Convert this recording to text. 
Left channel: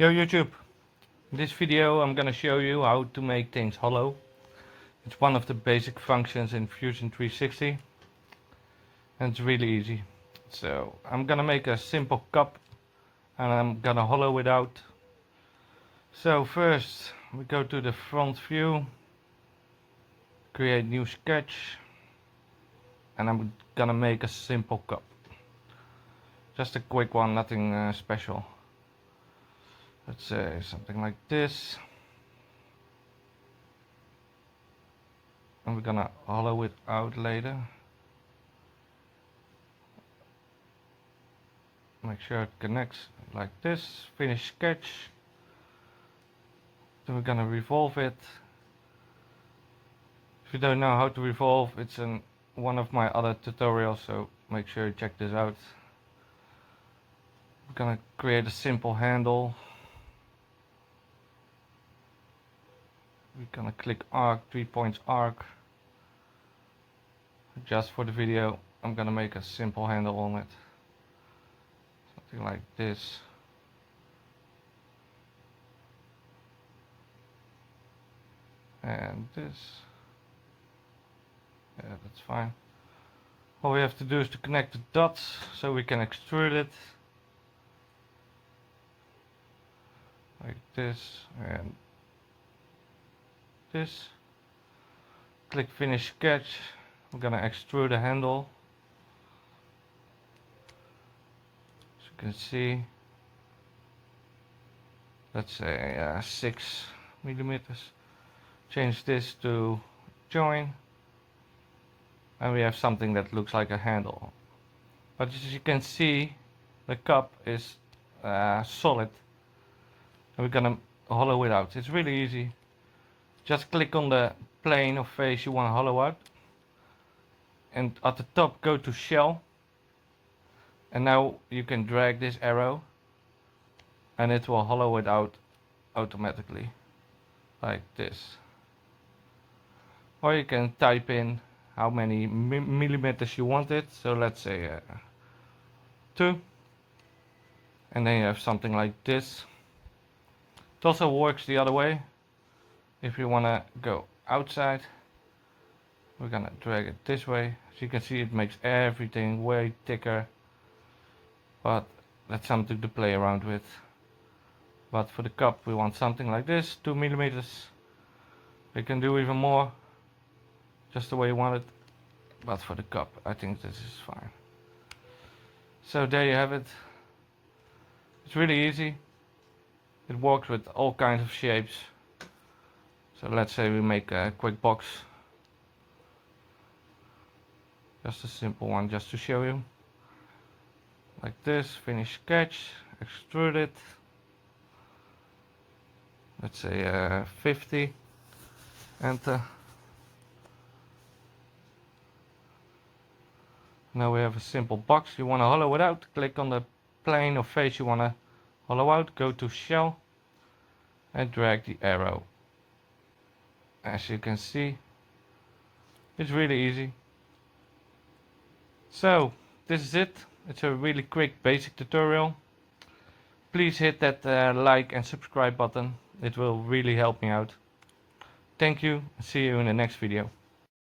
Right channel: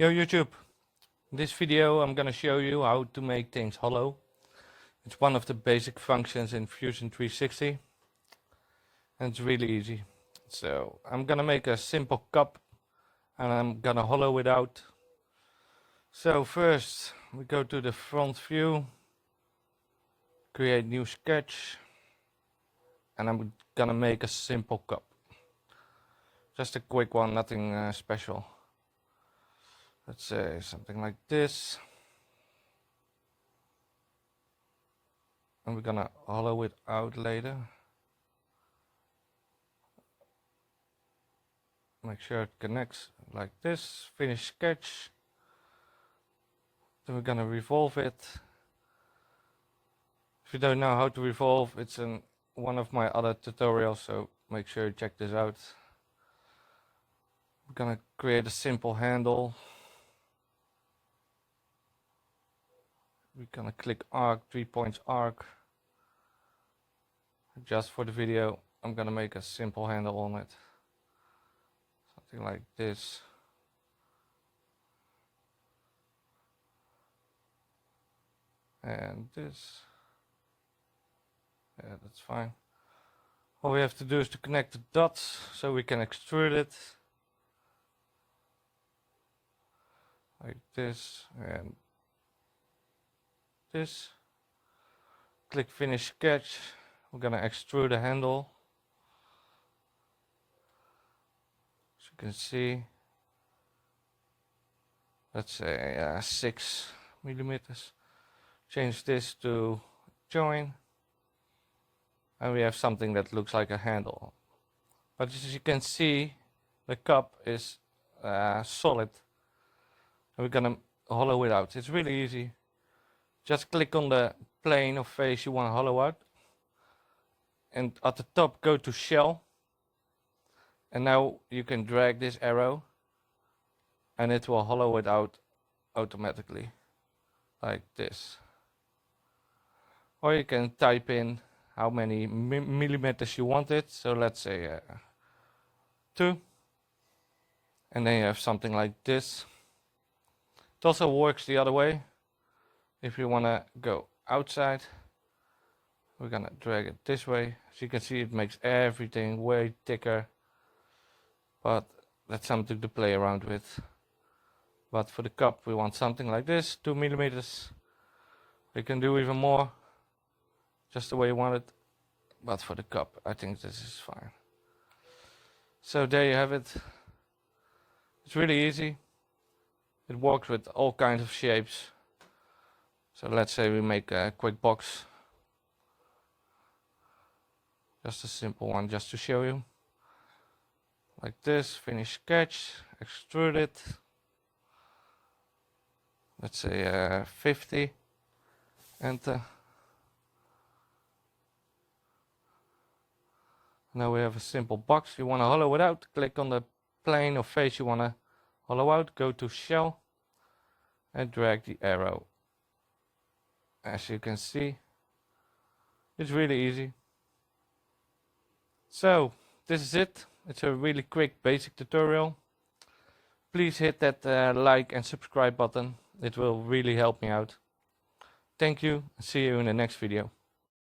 Yo YouTube, in this video I'm gonna show you how to make things hollow. It's one of the basic functions in Fusion 360 and it's really easy. So I'm gonna make a simple cup and I'm gonna hollow it out. So first we go to the front view, create new sketch, and I'm gonna make a simple cup. Just a quick one, nothing special. Let's say something like this. And we're gonna hollow it out later. Make sure it connects like this. Finish sketch. Then we're gonna revolve it. If you don't know how to revolve, it's in one of my other tutorials, so make sure you check this out. We're gonna create a simple handle. We're gonna click arc, 3 points arc. Just for the video, I'm gonna make a simple handle on it. Something like this. And this. Yeah, that's fine. All we have to do is to connect the dots so we can extrude it. Like this and this. Click finish sketch. I'm gonna extrude the handle. As you can see, let's say 6 millimeters. Change this to join, and we have something that looks like a handle. But as you can see, the cup is solid, and we're gonna hollow it out. It's really easy. Just click on the plane or face you want to hollow out, and at the top go to shell, and now you can drag this arrow and it will hollow it out automatically like this. Or you can type in how many millimeters you want it, so let's say 2, and then you have something like this. It also works the other way. If you want to go outside, we're gonna drag it this way. As you can see, it makes everything way thicker, but that's something to play around with. But for the cup we want something like this, 2 millimeters. We can do even more, just the way you want it, but for the cup I think this is fine. So there you have it. It's really easy. It works with all kinds of shapes. So let's say we make a quick box. Just a simple one, just to show you. Like this, finish sketch, extrude it. Let's say 50, enter. Now we have a simple box. You want to hollow it out, click on the plane or face you want to hollow out, go to shell and drag the arrow. As you can see, it's really easy. So this is it. It's a really quick basic tutorial. Please hit that like and subscribe button. It will really help me out. Thank you. See you in the next video.